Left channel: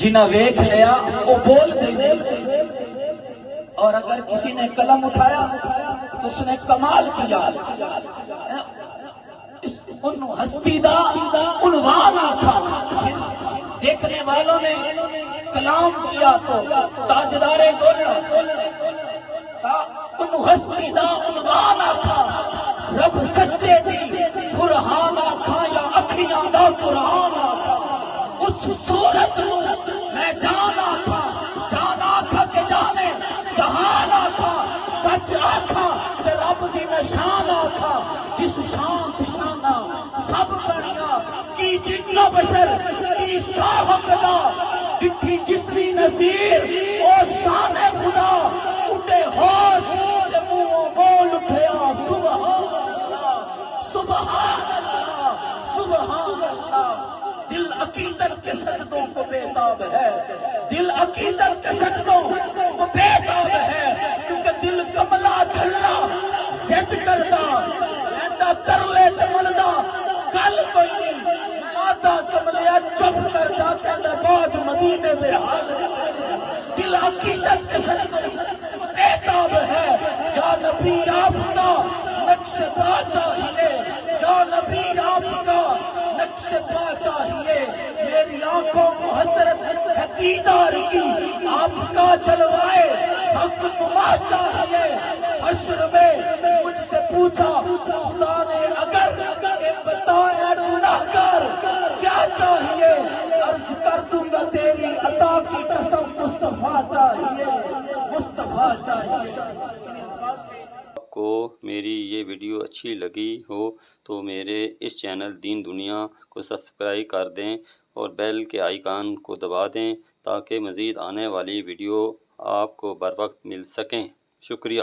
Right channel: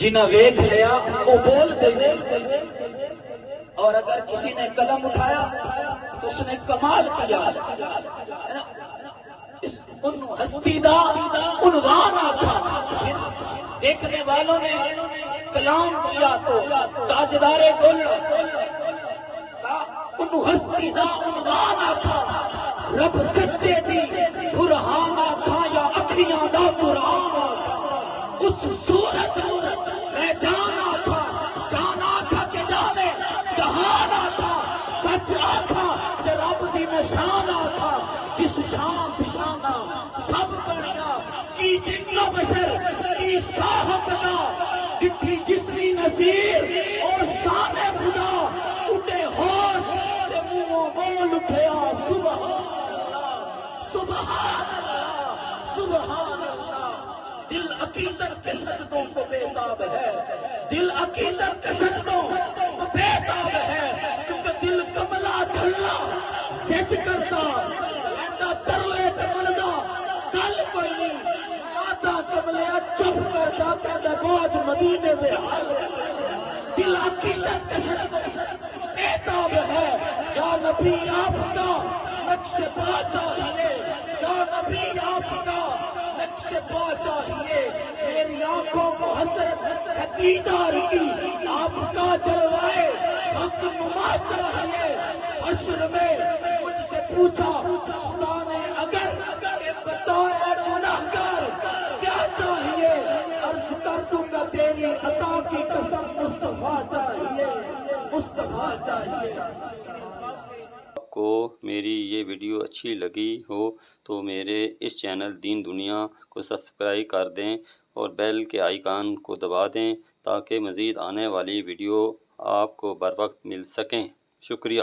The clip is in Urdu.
جنہیں ویکھ لیا وہ بول دے، اور اگر کسی نے قلم اٹھایا اس نے کمال کیا، ان ہستی دا عنوان آتھا۔ دیکھنے والوں نے کلام کیا تو تاجدار گل، ان ہستی دا عنوان آتھا۔ رب سچے دی برہان آتھا یا اکھیاں دا قرآن آتھا۔ اس صورت میں جان آتھا، جان آتھا کہ جانے جہان آتھا۔ سچ آتھا تے رب دی نشان آتھا، جس شان پشانہ سب بنیا کی جن و بشر کی شاہت دا۔ ڈٹھی جسمی نظیر اور شان خدا، اٹھے ہوش تے منہوں بول اٹھیا سبحان اللہ، سبحان اللہ، سبحان اللہ۔ دل عقیدت کے سجدوں کو بےتاب ہے، دل عقیدت کے سجدوں کو بےتاب ہے، کیونکہ دل کملا جھلا زد کردا رہندا ترلے تے ملدا گل کوئی نہیں۔ آدھا کملیا چپ کردا کہندا باج مدینے دے حال۔ دل عقیدت کے سجدوں کو بےتاب ہے۔ یا نبی آپ کا نقش پا چاہیے، یا نبی آپ کا نقش پا چاہیے، میری آنکھوں کو حسرت ہے دیدار کی، آپ کا جلوائے حق نما چاہیے۔ حشر میں مجھ سے پوچھا خدا نے اگر کہ بتایا گناہگار کیا چاہیے، عرض کر دوں گا تیری عطا کی قسم مصطفیٰ چاہیے، مصطفیٰ چاہیے۔ آپ کو میری یہ ویڈیو اچھی لگی ہو تو میرے اس چینل دین دنیا کو سبسکرائب کر دیں اور بیل کے آئیکن کو دبا دیں تاکہ مزید آنے والی ویڈیو آپ کو بر وقت مل سکیں۔ شکریہ۔